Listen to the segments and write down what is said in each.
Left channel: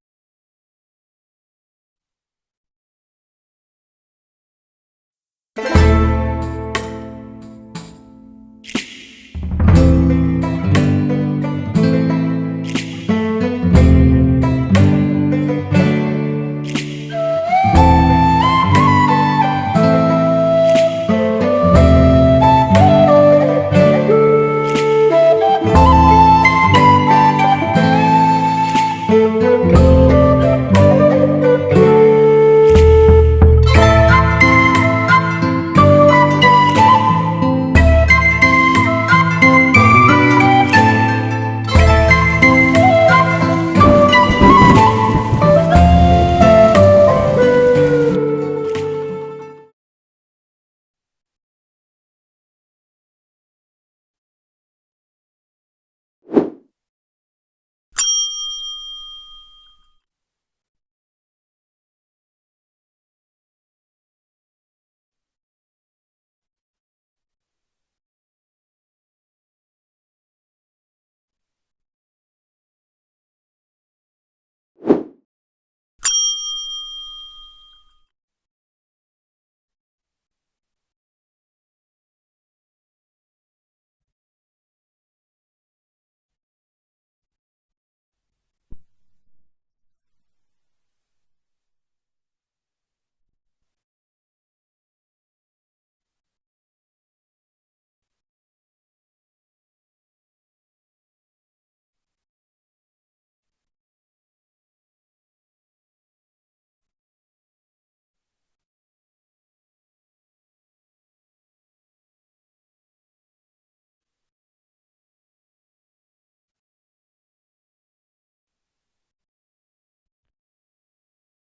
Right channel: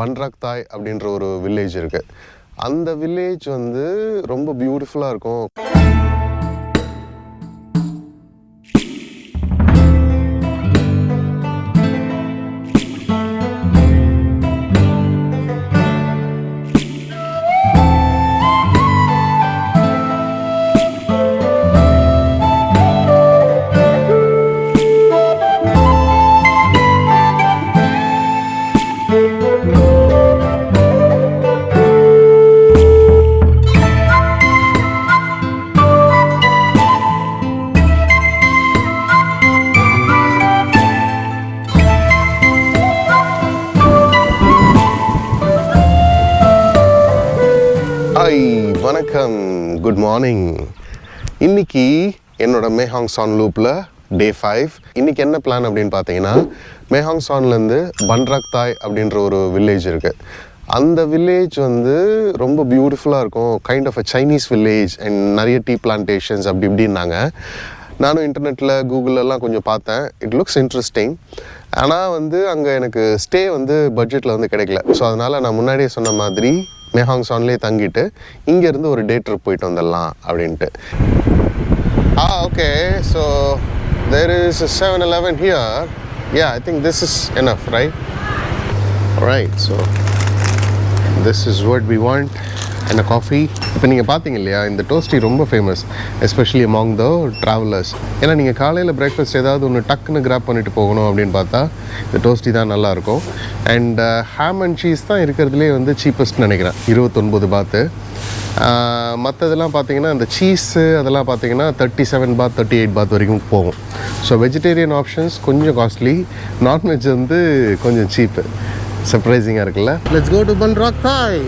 பன்ராக் தாய் அப்படின்ற ஒரு வில்லேஜ் இருக்குது. அந்த வில்லேஜ் வந்து ரொம்ப பியூட்டிஃபுல்லாக இருக்கும். வணக்கம், குட் மார்னிங். இன்னைக்கு என்னோட மேஹாங் சான் லூப்பில் டே 5. இன்னைக்கு என்ன பிளான் அப்படின்னு பார்த்தீங்கன்னா, மேஹாங் சான்லேருந்து பன்ராக் தாய் அப்படின்ற ஒரு வில்லேஜ் இருக்குது. அந்த வில்லேஜ் வந்து ரொம்ப பியூட்டிஃபுல்லாக இருக்கும். Kind of a Chinese village and நிறைய டீ பிளான்டேஷன்ஸ் அப்படி இப்படின்னாங்க. நானும் இன்டர்நெட்டில் கூகுளெல்லாம் கொஞ்சம் பார்த்தேன். It looks interesting. ஆனால் வந்து அங்கே எனக்கு ஸ்டே வந்து பட்ஜெட்டில் வந்து கிடைக்கல. ஸோ அதனால் நான் முன்னாடியே சொன்ன மாதிரி மேஹாங் சான்லேயே தங்கிட்டு இங்கேருந்து ஒரு டே ட்ரிப் போயிட்டு வந்துடலாம் அப்படின்ட்டு. Okay, so there is 7-Eleven here. I think this is enough, right. So this is what we want and a coffee. இப்போ நீங்கள் பார்த்தீங்க இல்லையா, இந்த டோஸ்டி ரொம்ப famous, especially among the travellers. ஏன்னா நீங்கள் காலையில் பிரேக்ஃபாஸ்ட் ஏதாவது ஒன்று டக்குன்னு கிராப் பண்ணிட்டு போகணும் அப்படின்னு பார்த்தா இந்த டோஸ்டி தான் நல்லாயிருக்கும். அண்ட் ஹாம் அண்ட் சீஸ் தான் இருக்கிறதுலே வந்து சீப்பஸ்ட்னு நினைக்கிறேன், 29 பாத்து. மற்றதெல்லாம் பார்த்தீங்கன்னா இந்த சீஸு அதெல்லாம் பார்த்தீங்கன்னா 37 பாத் 38 பாத் வரைக்கும் போகும். ஸோ வெஜிடேரியன் ஆப்ஷன்ஸ் கொஞ்சம் காஸ்ட்லி, நான்வெஜ் வந்து கொஞ்சம் சீப்பு. சர்ப்ரைசிங்காக இருக்குல்ல. லெட்ஸ் கோ டு பன்ராக் தாய்.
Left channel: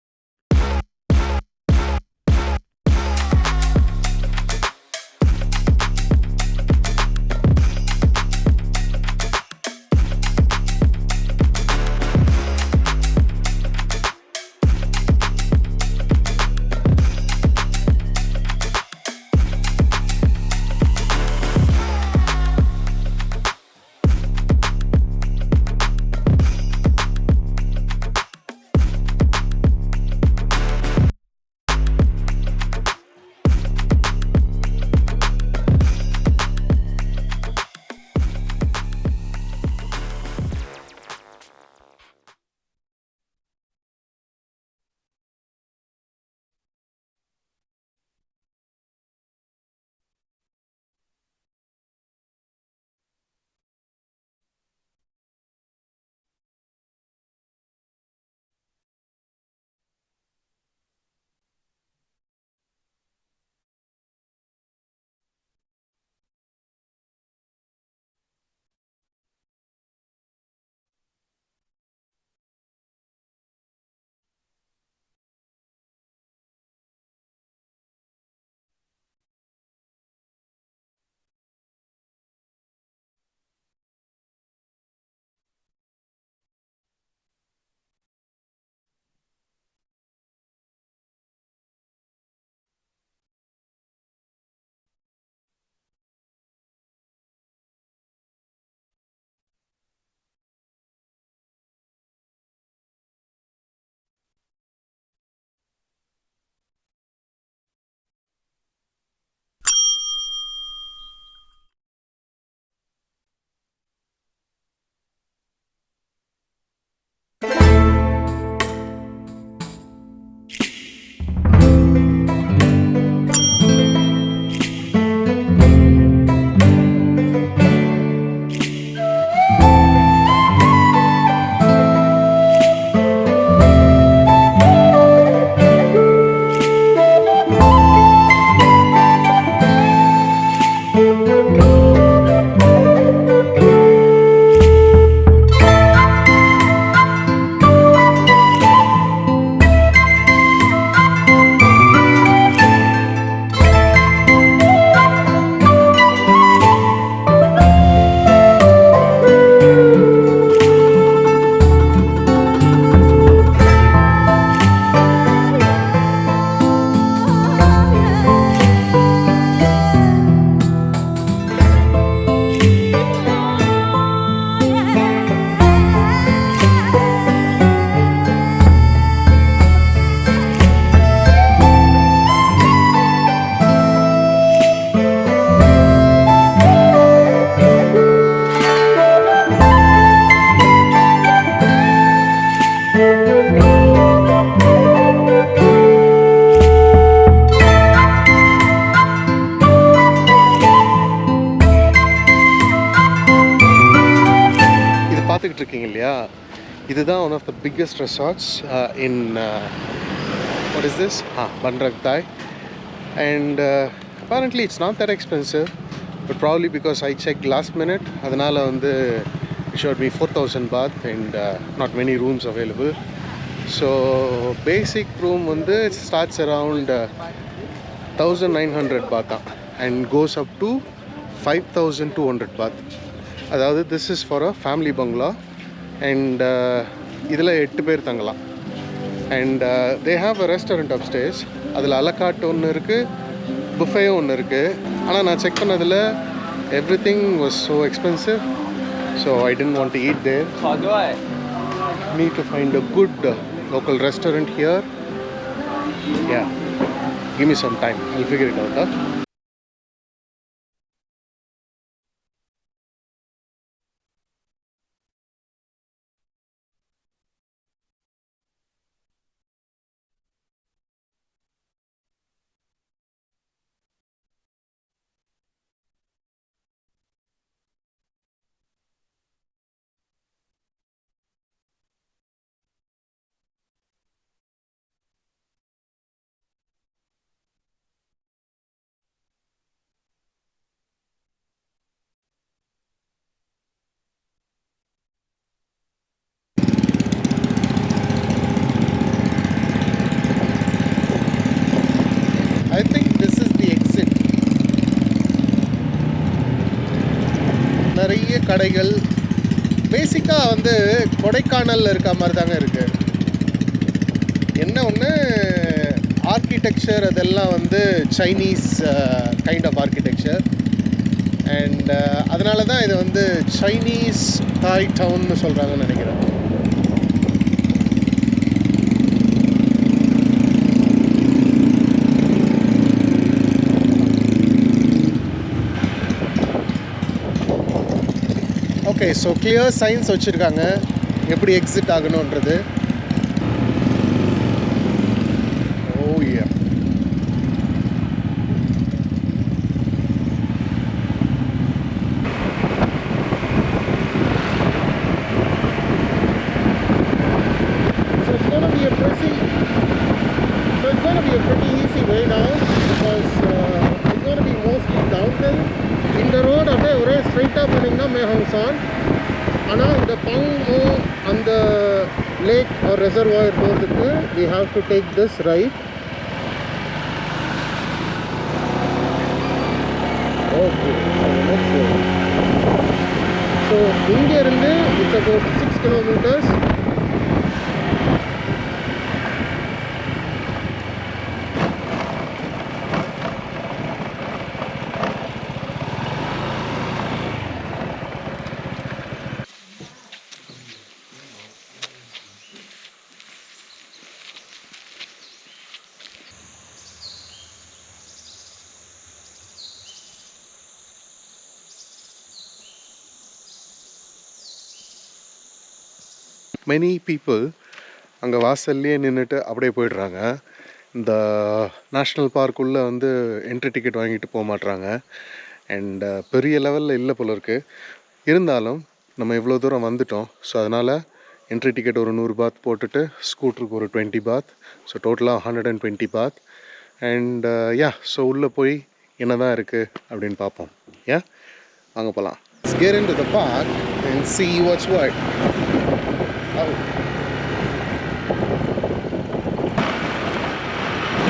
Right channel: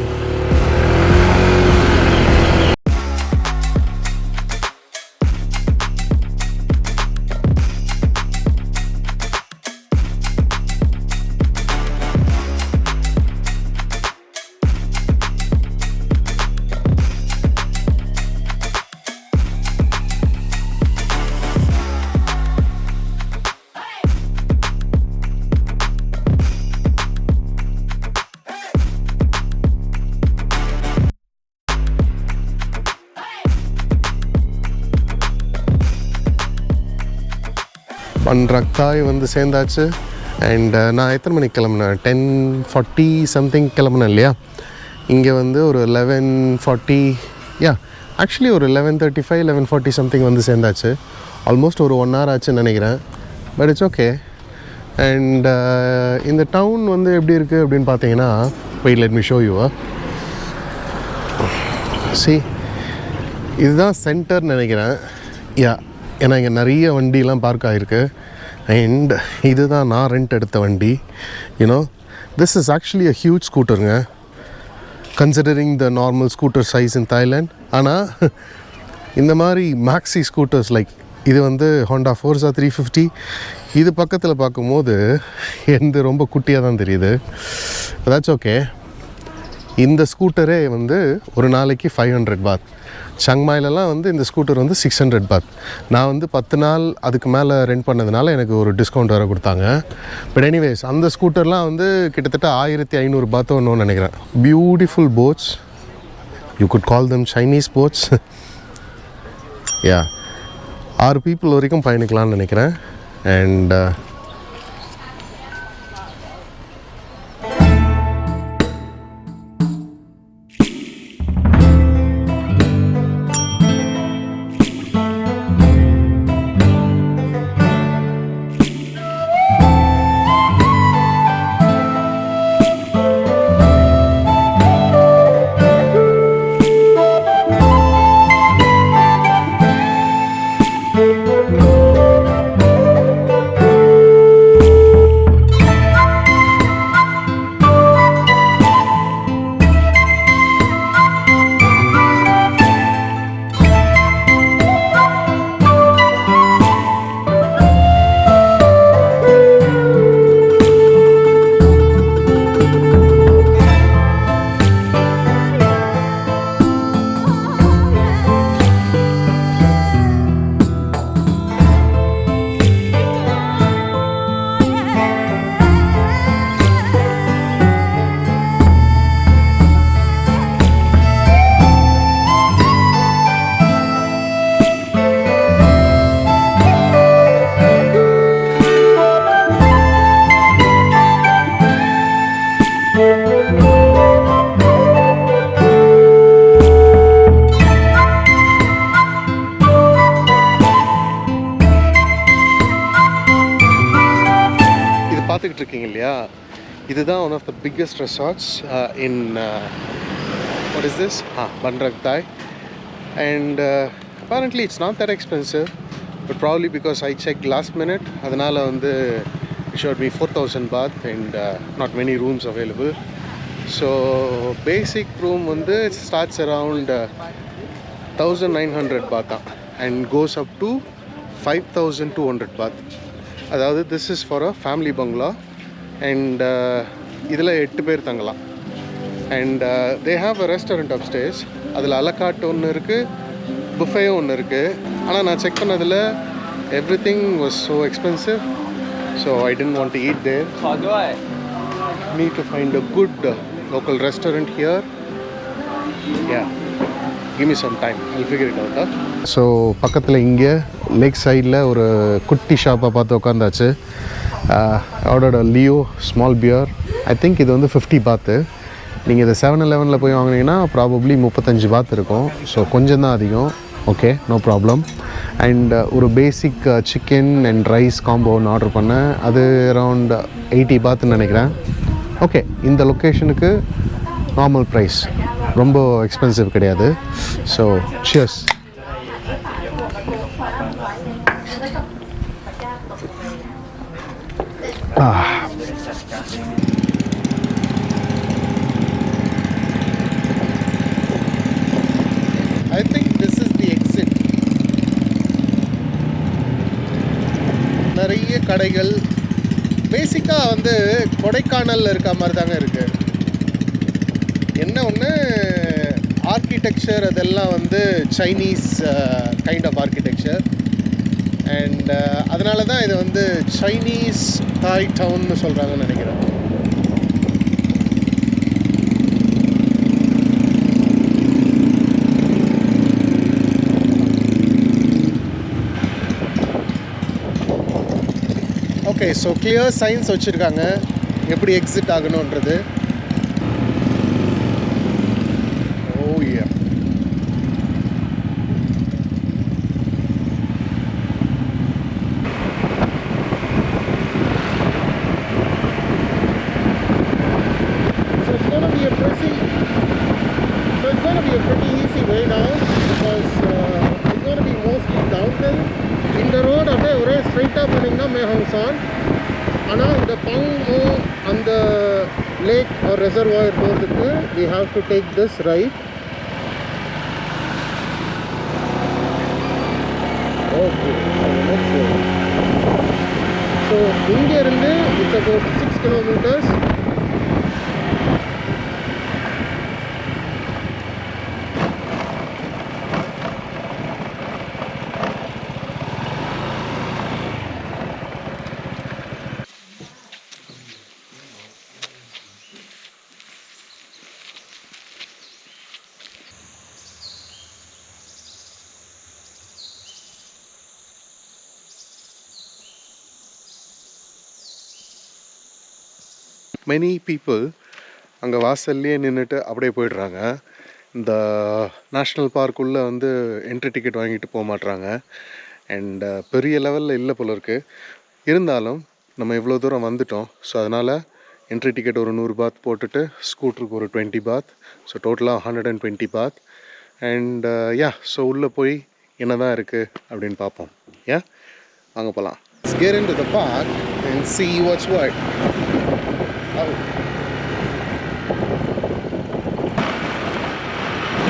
பன்ராக் தாய் வந்து சேர்ந்தாச்சு. அண்ட் நான் எத்தனை மணிக்கு கிளம்புனேன்? 10:40 சம்திங் கிளம்புனேன் இல்லையா. இங்கே வந்து ஒரு 11:40, ஆக்சுவலி ஒரு 11:35 11:40 சம்திங் வந்து சேர்ந்தாச்சு. ஆல்மோஸ்ட் ஒரு 1 hour ஆச்சுன்னு நினைக்கிறேன். But it's okay. அண்ட் இந்த டவுன் வந்து எப்படி இருக்குது அப்படின்னு பார்த்தீங்கன்னா, wait let me show you. இதுதான் சென்டர்னு நினைக்கிறேன். ஏன்னா இங்கே நிறைய வண்டிலாம் பார்க் ஆகிருக்கு. அண்ட் இதுதான் நான் ரெண்ட் எடுத்த வண்டி. This is actually a huge ஸ்கூட்டருங்க, considering the normal scooter size in Thailand. ஆனால் இந்த மாதிரி மேக்ஸி ஸ்கூட்டர்ஸ் லைக் இது வந்து ஹோண்டா ஃபோர்ஸா 350, இது பக்கத்தில் பார்க்கும்போது எந்த ரொம்ப குட்டியாக தான் தெரியுது. அதாச்சும் ஓகே. இந்த ஸ்கூட்டரே வந்து ஒரு நாளைக்கு 500 பாத். சங்மாயிலலாம் வந்து இந்த ஸ்கூட்டர் வந்து 600 பாத். நான் வந்து 10 நாள் அதுக்கு மேலே ரெண்ட் பண்ணதுனால எனக்கு ஒரு டிஸ்கவுண்ட் வேறு கொடுத்தாங்க. பட் எனிவேஸ், அந்த ஸ்கூட்டர்லாம் வந்து கிட்டத்தட்ட 1500 பாத்தோ ஒன்று நினைக்கிறேன். Beautiful boats, you could call them Chinese boats. 6 people வரைக்கும் பயணிக்கலாம்னு நினைக்கிறேன். அண்ட் இது பார்த்துக்கிட்டு இருக்கீங்க இல்லையா, இதுதான் one of the biggest resorts in what is this? Bandrak Thai. And apparently it's not that expensive, but probably because I checked last minute, அதனால் வந்து it showed me 4,000 baht and not many rooms available. So basic room வந்து it starts around 1,900 baht and goes up to 5,200 baht. அதாவது this is for a family bungalow and இதில் 8 பேர் தங்கலாம். And they have a restaurant upstairs. அதில் அலக்காட்டு ஒன்று இருக்குது, புஃபேயும் ஒன்று இருக்குது. ஆனால் நான் செக் பண்ணதில் everything was so expensive, so I didn't want to eat there. Need to find a good local restaurant here. Yeah, give me some time, I'll figure it out. So பக்கத்தில் இங்கே லேக் சைடில் ஒரு குட்டி ஷாப்பை பார்த்து உட்காந்தாச்சு. Ordered Leo small beer. I think இது வந்து 50 பாத்து. நீங்கள் இதை 7-Eleven போய் வாங்கினீங்கன்னா ப்ராபப்ளி 35 பாத் இருக்கும். ஸோ கொஞ்சம் தான் அதிகம். Okay, no problem. அண்ட் ஒரு basic chicken and rice combo ஒன்று ஆர்டர் பண்ணேன். அது அரவுண்ட் 80 பாத்துன்னு நினைக்கிறேன். ஓகே, இந்த லொக்கேஷனுக்கு நார்மல் ப்ரைஸ், ரொம்ப எக்ஸ்பென்சிவ் கிடையாது. So cheers. I think this is the exit. நிறைய கடைகள் பேசிக்காக வந்து கொடைக்கானலில் இருக்க மாதிரி தாங்க இருக்குது. என்ன ஒன்று, ஆர்கிடெக்சர் அதெல்லாம் வந்து Chinese kind of architecture. And அதனால தான் இது வந்து சைனீஸ் தாய் டவுன்னு சொல்கிறாங்கன்னு நினைக்கிறேன். ஓகே, ஸோ கிளியர் சைன்ஸ் வச்சுருக்காங்க எப்படி exit ஆகணுன்றது. O yeah, pretty easy way now because it's going to be mostly downhill. இந்த ரோடு அப்படியே ஒரே ஸ்ட்ரைட்டாக போனீங்கன்னா மேஹாங்சான். ஆனால் இந்த பங்கோ அந்த லேக் ஒரு ரெசர்வாயர் போகிறதுக்கு we have to take this right. Okay, so இங்கேருந்து it's about 6 kilometers. Many people அங்கே வாசல்லையே நின்றுட்டு அப்படியே போயிடுறாங்க. இந்த நேஷ்னல் பார்க்குள்ளே வந்து என்ட்ரி டிக்கெட் வாங்கிட்டு போக மாட்றாங்க. அண்ட் பெரிய லெவலில் இல்லை போல இருக்குது. இருந்தாலும் நம்ம இவ்வளோ தூரம் வந்துட்டோம். ஸோ அதனால் என்ட்ரி டிக்கெட் ஒரு 100 பாத் போட்டுட்டு ஸ்கூட்டருக்கு ஒரு 20 பாத். ஸோ டோட்டலாக 120 பாத். அண்ட் ஸோ உள்ளே போய் என்ன தான் இருக்குது அப்படின்னு பார்ப்போம். வாங்க போகலாம். Let's get into the park and see what's what. Oh.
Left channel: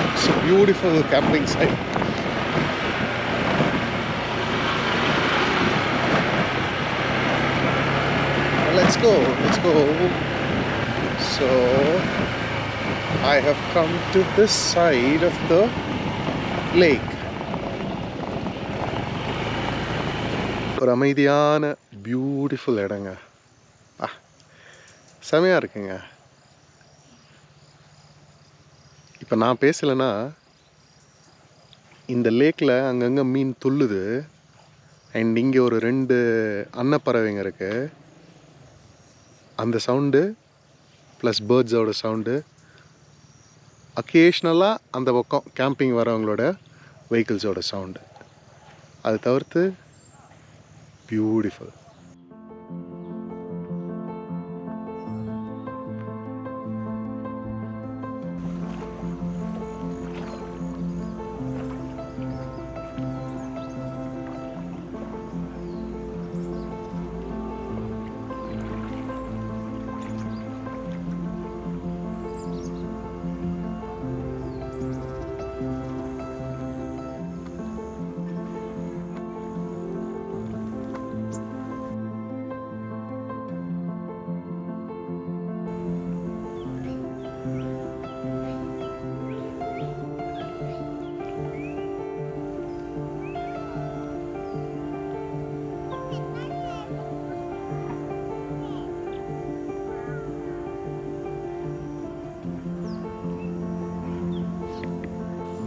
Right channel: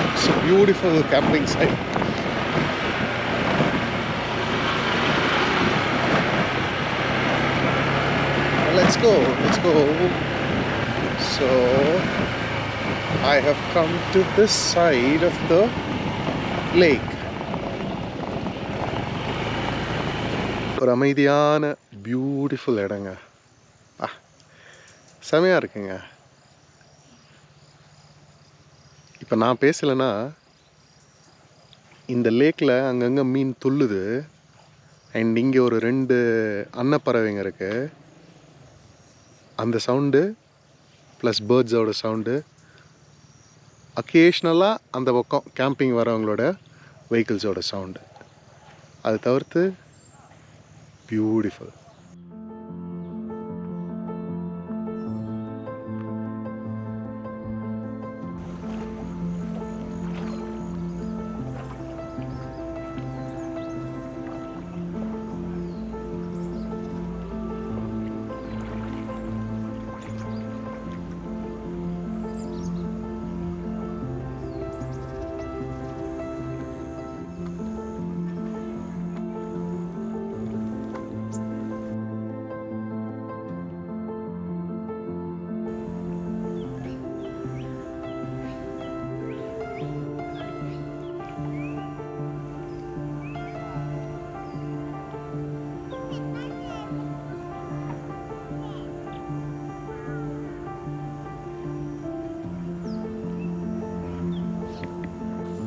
It's a beautiful camping site. Let's go. So I have come to this side of the lake. ஒரு அமைதியான பியூட்டிஃபுல் இடங்க. செமையாக இருக்குங்க. இப்போ நான் பேசலைன்னா இந்த லேக்கில் அங்கங்கே மீன் துள்ளுது. அண்ட் இங்கே ஒரு 2 அன்னப்பறவைங்க இருக்குது. அந்த சவுண்டு ப்ளஸ் பேர்ட்ஸோட சவுண்டு, அக்கேஷ்னலாக அந்த பக்கம் கேம்பிங் வரவங்களோட வெஹிக்கிள்ஸோட சவுண்டு. அதை தவிர்த்து beautiful.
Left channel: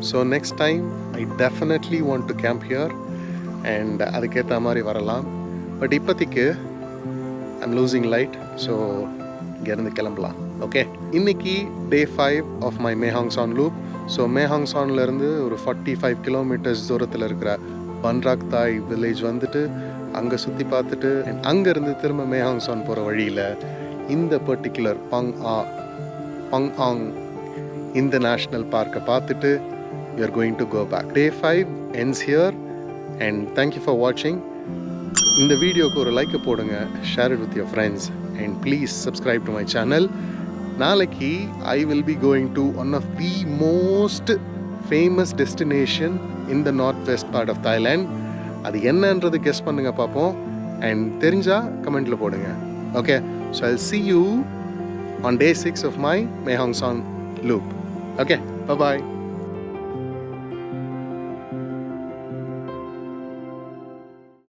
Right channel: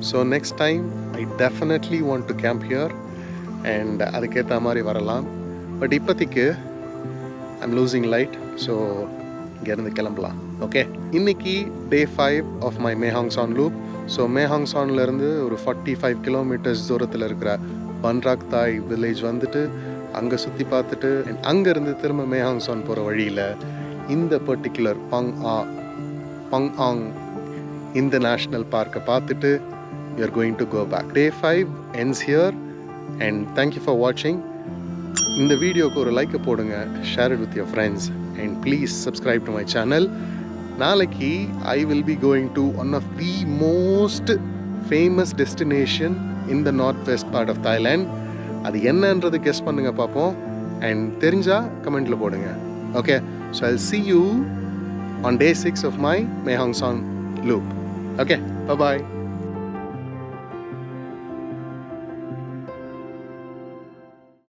So next time I definitely want to camp here and அதுக்கேற்ற மாதிரி வரலாம். பட் இப்போதைக்கு ஐம் லூசிங் லைட், ஸோ இங்கேருந்து கிளம்பலாம். ஓகே, இன்றைக்கி day 5 of my Mae Hong Son loop. So Mae Hong சான்லேருந்து ஒரு 45 கிலோமீட்டர்ஸ் தூரத்தில் இருக்கிற பன்ராக் தாய் வில்லேஜ் வந்துட்டு அங்கே சுற்றி பார்த்துட்டு அண்ட் அங்கேருந்து திரும்ப மேஹாங் சான் போகிற வழியில் இந்த பர்டிகுலர் பங் ஆங் இந்த நேஷ்னல் பார்க்கை பார்த்துட்டு we are going to go back. Day 5 ends here and thank you for watching. இந்த வீடியோக்கு ஒரு லைக் போடுங்க, share it with your friends and please subscribe to my channel. நாளைக்கு I will be going to one of the most famous destination in the northwest part of Thailand. அது என்னன்றது guess பண்ணுங்க பார்ப்போம் and தெரிஞ்சா கமெண்ட்ல போடுங்க. Okay, so I'll see you on day 6 of my Mae Hong Son loop. Okay, bye bye.